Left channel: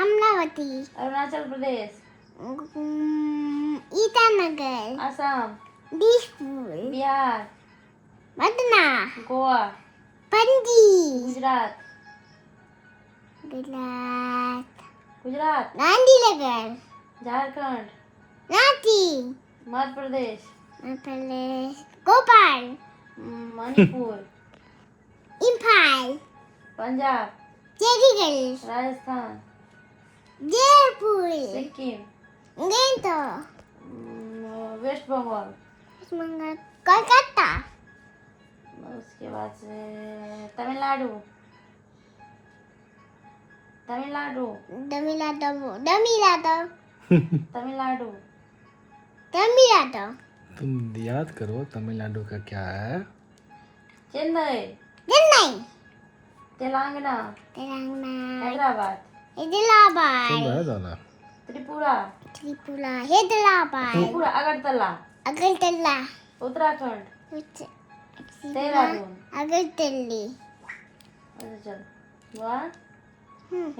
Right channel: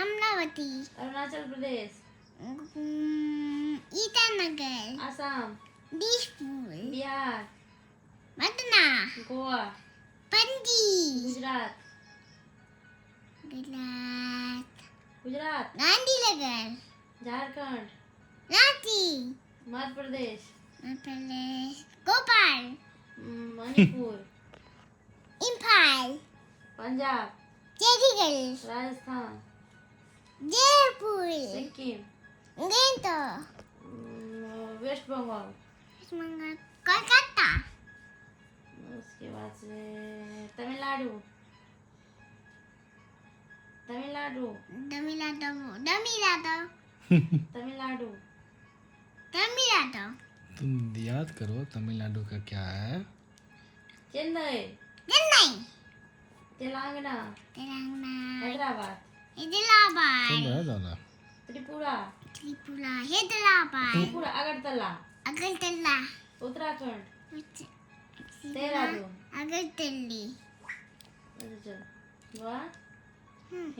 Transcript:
Amravati, Arunachal Pradesh, Itanagar, Assam, Dispur, Bihar, Patna, Goa, Panaji, Gujarat, Gujarat, Gandhinagar, Jharkhand, Ranchi, Madhya Pradesh, Bhopal, Manipur, Imphal, Punjab, Chandigarh, Rajasthan, Jaipur, Sikkim, Gangtok, waste Bengal, Kolkata, उसके बाद से तमिलनाडु, तमिलनाडु, तमिलनाडु, तमिलनाडु, तमिलनाडु, तुम याद करो तमिलनाडु का क्या है? चेन्नई, चेन्नई, तेलंगाना, तेलंगाना, हैदराबाद, हैदराबाद, तुम है दाना त्रिपुरा, त्रिपुरा, हैदराबाद, त्रिपुरा, अगरतला, अगरतला, उत्तराखंड, देहरादून, अगरतली, अच्छा चल, वाह।